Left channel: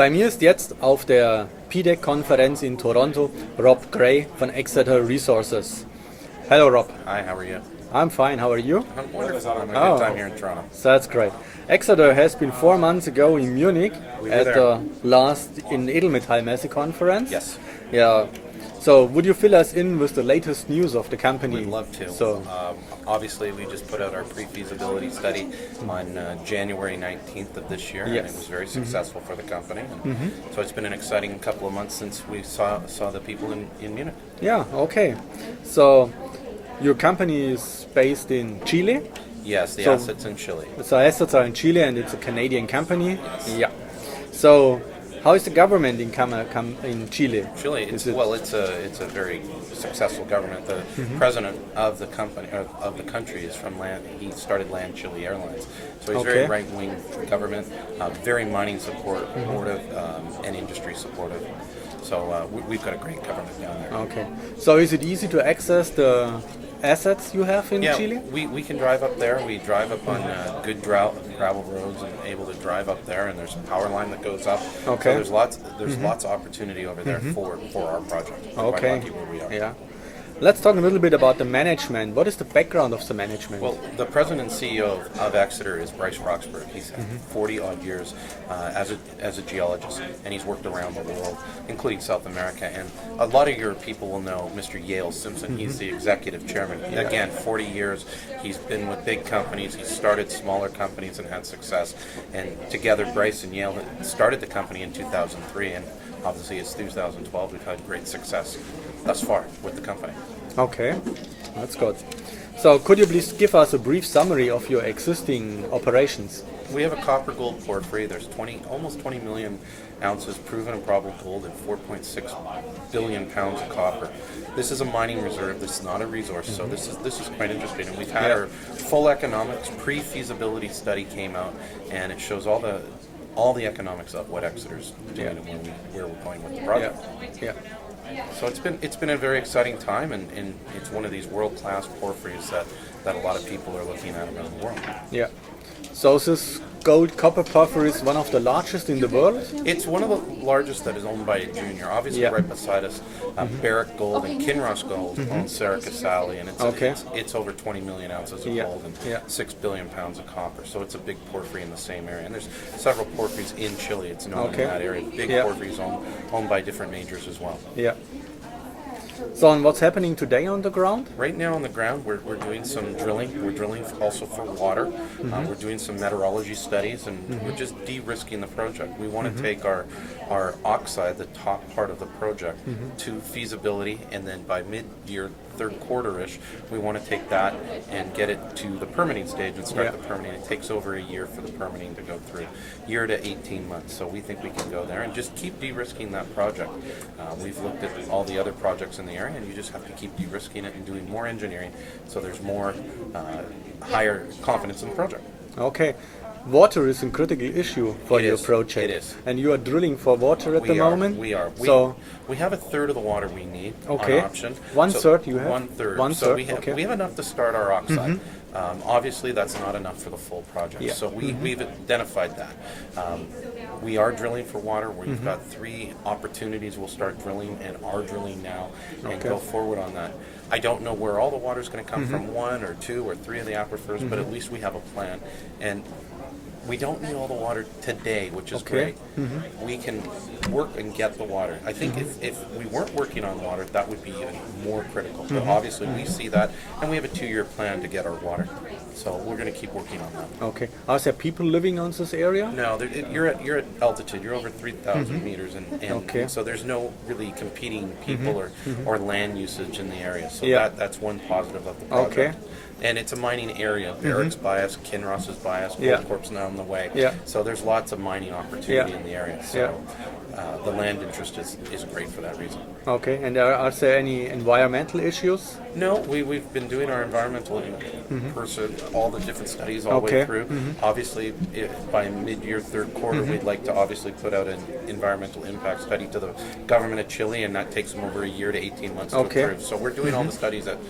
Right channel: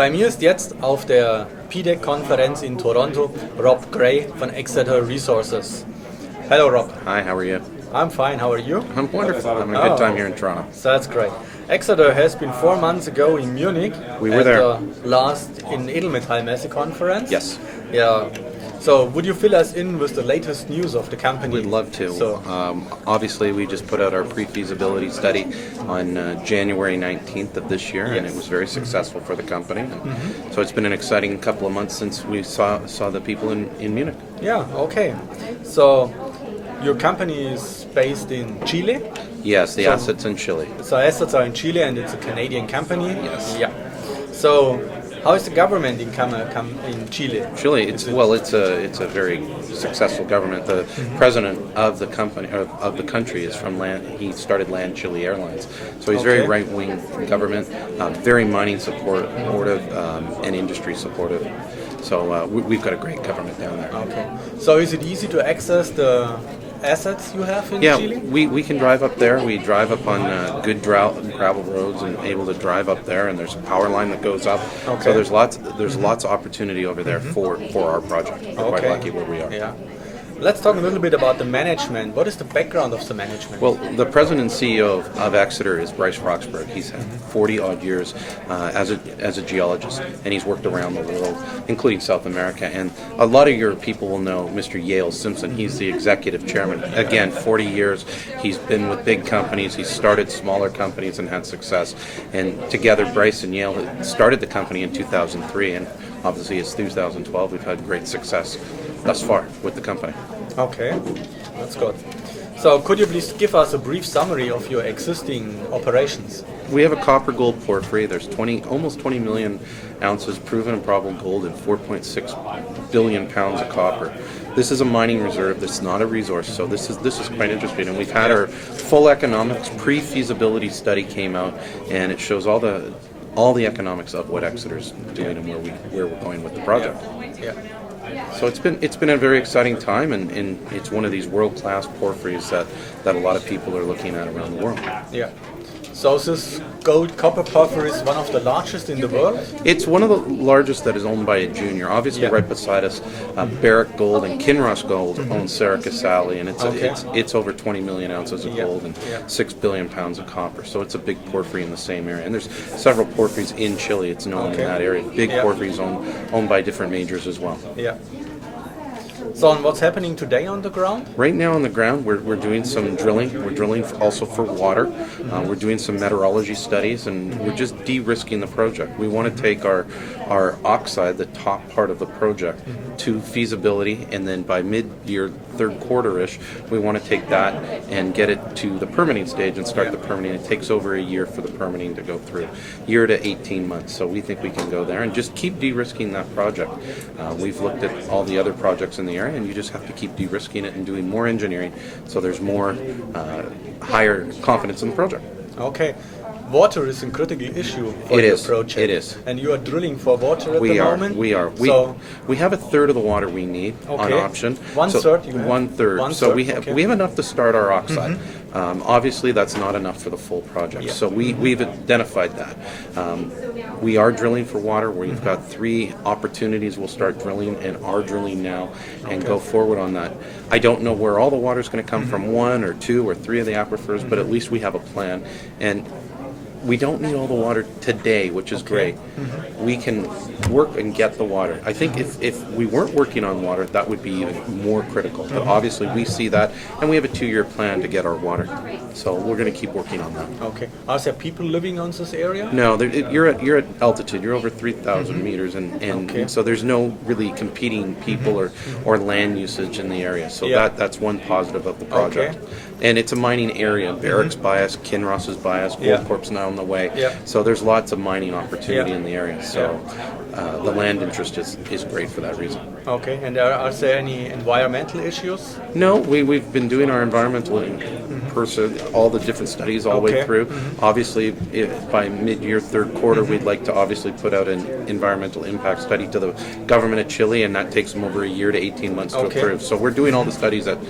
Bei mir ist jetzt auf der PDAC-Konferenz in Toronto Rob Gray von Exeter Resources. Hello, Rob. Hi, how are you? I'm fine. How are you? I'm wonderful. Having a good time here in Toronto. So that's great. Exeter has been 4 months ago in Munich. We were at there. the last in Edelmetall Messe conference. Yes. Yeah. So would you fill us in with the latest news of the company? We'd love to. So, obviously, we just put out our pre-feasibility study on January 19th of this year, and it was very successful for the company. And so it's been an exciting couple of months since we saw the people in Munich. yeah, okay. So your company is based in Chile. Yes, the So- assets in Chile. So assets are in Chile and it's a Canadian company. Yes. Yeah. So how is the government in Chile? Chile, Is it- it's a very successful government. The president of the company of the country is from Land. He started Land Chile Airlines, so he's very Okay. right-wing government, very mining supportive and industry supportive. So we've got a great government down there. Okay. So is it easy to access the assets you have in Yeah, Chile? we can drive up there. We drive up on good gravel roads and able to drive up there. And there's a power line that goes up. Okay. So there's lots of opportunity over there for our project. We're quite lucky where we are. Yeah. Let's talk a little bit about the management. What is the background of the management? Well, the president and CEO of Exeter is Bryce Roxburgh. He's had 40 odd years as a geologist, and he's worked around the world, including South America. And a lot of your people will know Mr. Yale Simpson. He's the executive chairman. Again, 40 years. He's been with big companies. He's started smaller companies and had success. And together, Bryce and Yale had started the company in 2003, and obviously it's 2012. We've had great success thus far with the company. Okay, that's good. So could you please give us a brief summary of your existing operations? We have a copper gold porphyry. There's almost 20 million ounces proven and probable gold and 4.6 billion pounds of copper. This is a mining reserve. That's not a resource. So this is quite interesting. And we've had our full economics pre-feasibility study came out, and it shows all the economics of what Exeter's doing and where we're going with the project. Yeah. So it's been a very exciting time, and it's one of these world-class porphyries that a lot of people are looking at around the world. Yeah. So this gold copper porphyry is one of the largest in the world? It's one of the largest that is owned by a junior. Obviously, right beside us, Barrick Gold and Kinross Gold own Cerro Casale, and it's over 20 million ounces of gold and 6 billion pounds of copper. So it's a big porphyry in the same area. And there's several porphyries in Chile. It's known in that area. Big porphyries owned by different majors as well. Yeah. So and what's happening today on the ground? Right now on the ground, we're doing some drilling. We're drilling also for water. We're doing some meteorology studies, and we're just de-risking the project. We want to take our oxide, the top part of the project, to feasibility, and then by mid-year, third quarter-ish, we want to take that and get it to the permitting stage and start the permitting. It takes over a year for the permitting to go through, year to 18 months. So we think we can go there and just keep de-risking that project. We've looked at all the other projects in the area, and you just have to keep de-risking it and doing more engineering so there's more higher confidence in the project. Okay. Water is a critical issue for your project. It is. And you are drilling for water at the moment? We are. So we have a third of the water we need on option. One third you have? One third. So we have enough to start our oxide. Obviously, that's not enough for the full project. Yeah. So we've identified that. We are drilling for water. We've got 3 opportunities. We'll start drilling and are drilling now and go forward on that. I don't know where all the water is going to come from, 1 or 2 or 3 of the aquifers, but at least we have a plan. And we don't need all the water today, which is great. We can work and get the water. I think if we weren't working on water, that would be even more critical. But obviously we see that, and we have a 2-year plan to get our water. So we're going to keep working on that. Okay. Are there people living on this area? No, you're at altitude. You're over 3,000 meters, and so there's no really competing people or land usage in the area. So that's one positive of the project. And it's a mining area. Barrick's bias, Kinross is bias, Gold Corp's now on the way. So there's lots of mining opportunity in the area. So the land interest is great for that reason. Okay. And are there any environmental issues? No, we've been doing our environmental person, all the different studies all the way through. Obviously, by mid-year, third quarter, we'd like to obviously put out an environmental impact study to the government of Chile, and that takes them over a year to 18 months to approve. So we're doing all the studies at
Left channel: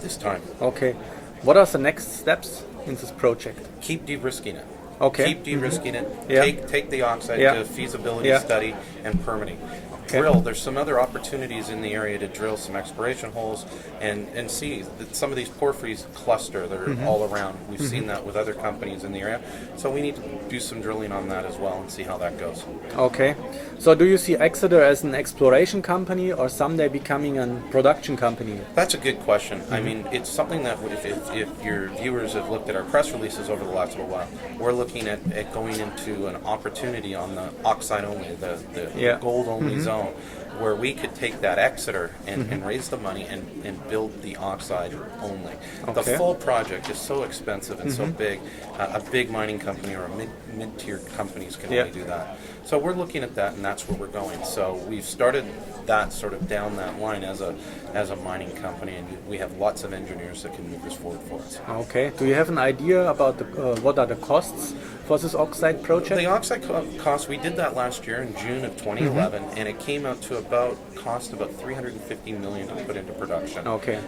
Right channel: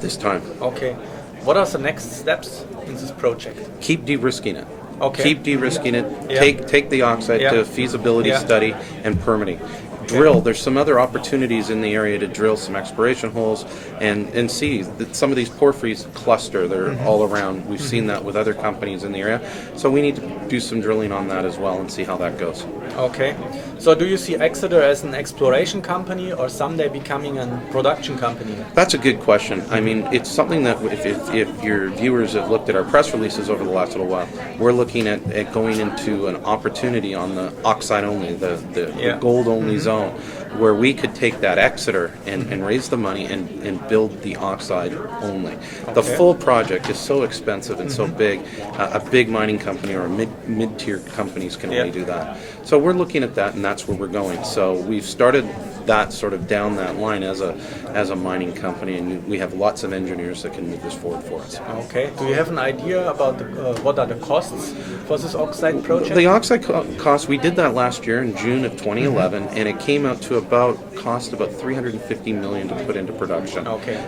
this time. Okay. What are the next steps in this project? Keep de-risking it. Okay. Keep de-risking it. Yeah. Take the oxide Yeah. to feasibility Yeah. study and permitting. Drill. There's some other opportunities in the area to drill some exploration holes and see that some of these porphyries cluster. They're all around. We've seen that with other companies in the area. So we need to do some drilling on that as well and see how that goes. Okay. So do you see Exeter as an exploration company or someday becoming a production company? That's a good question. I mean, it's something that if your viewers have looked at our press releases over the last little while, we're looking at going into an opportunity on the oxide only, the gold only zone, where we could take that Exeter and raise the money and build the oxide only. The full project is so expensive and so big. A big mining company or a mid-tier companies can only do that. So we're looking at that, and that's where we're going. So we've started that sort of down that line as a mining company, and we have lots of engineers that can move this forward for us. Okay. Do you have an idea about what are the costs for this oxide project? The oxide cost, we did that last year in June of 2011, and it came out to cost about $350 million to put into production. Okay.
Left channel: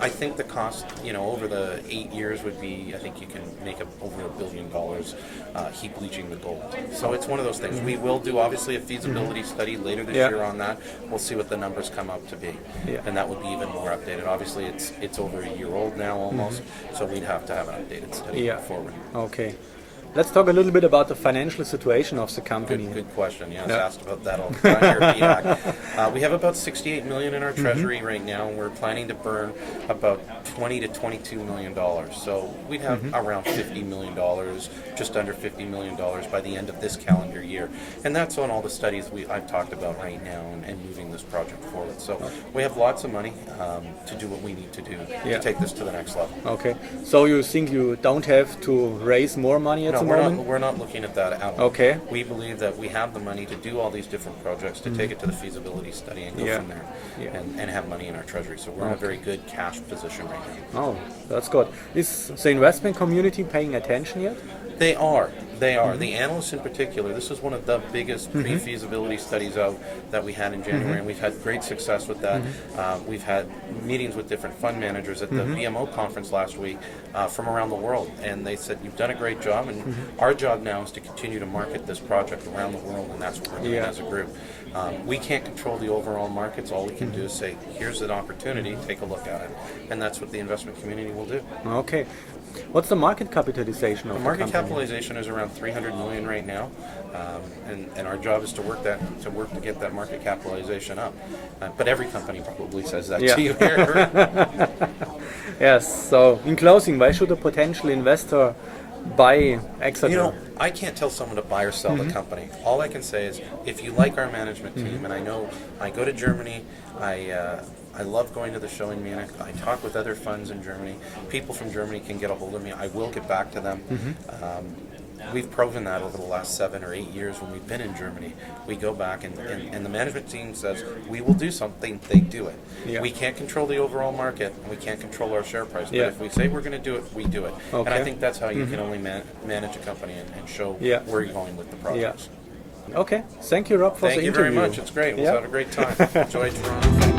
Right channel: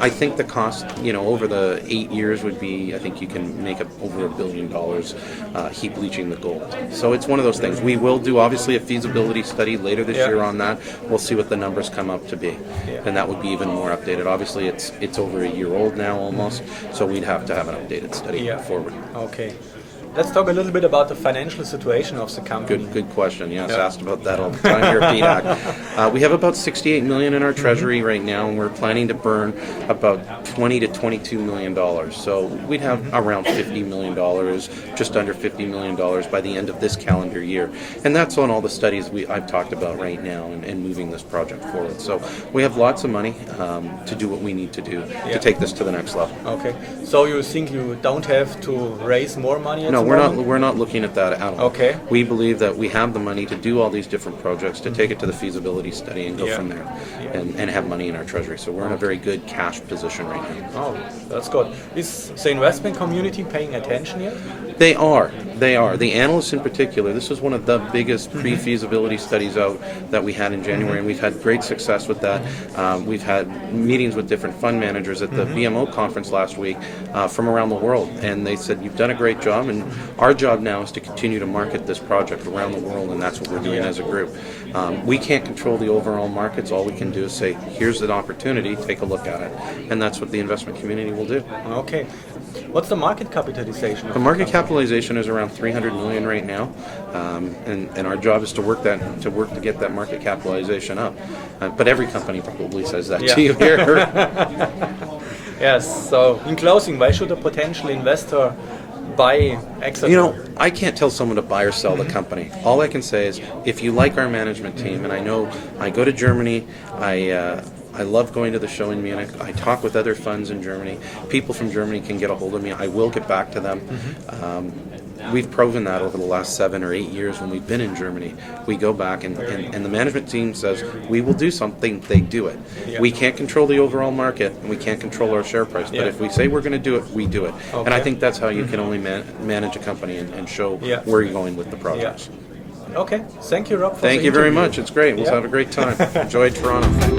I think the cost, over the 8 years would be, I think you can make over $1 billion heap leaching the gold. So it's one of those things. We will do obviously a feasibility study later this year on that. We'll see what the numbers come up to be, and that would be even more updated. Obviously, it's over a year old now almost, so we'd have to have an updated study forward. Okay. Let's talk a little bit about the financial situation of the company. Good question. Yes, asked about that all the time here at PDAC. We have about $68 million in our treasury right now, and we're planning to burn about $20 to $22 million. So we'd have around $50 million, just under $50 million by the end of this calendar year. And that's on all the studies I've talked about right now and moving this project forward. So we have lots of money to do what we need to do to take this to the next level. Okay. So you think you don't have to raise more money at the moment? We're not looking at that at all. Okay. We believe that we have the money to do all these different projects, to take it to the feasibility study and go from there, and have money in our treasury. So we're in a very good cash position right now. Oh, that's good. Is the investment community paying attention yet? They are. The analysts in particular, this was one of the biggest pre-feasibility studies out that we had in January, and we've had great success with that. We've had meetings with different fund managers at the BMO conference last week from around the world, and they said, you've done a great job, and our job now is to continue to market this project around the world, and that's what we're doing as a group. We can't control the overall markets. All we can do is say, here's an opportunity, take a look at it, and that's what the investment community will do. Okay. What's the market capitalization of the market capitalization is around $300 million right now, and our job is to work to get that market capitalization up. But every company probably says that to you here. Yes. So in closing, why should a potential investor buy Exeter? I can't tell someone to buy or sell the company. All I can say is, if you like our management team, and I know I go to Germany, I love going to the show in Munich. I talk with other funds in Germany. People from Germany can get a hold of me. I will get back to them. We've proven that over the last 7 or 8 years when we've been in Germany. We go back and the management team says, we will do something, they do it. We can't control the overall market, and we can't control our share price. But if we say we're going to do it, we do it. And I think that's how you can only manage a company and show where you're going with the projects. Okay. Thank you, Rob, for the Thank you very interview. much. It's great. We'll have a great time. Enjoy Toronto.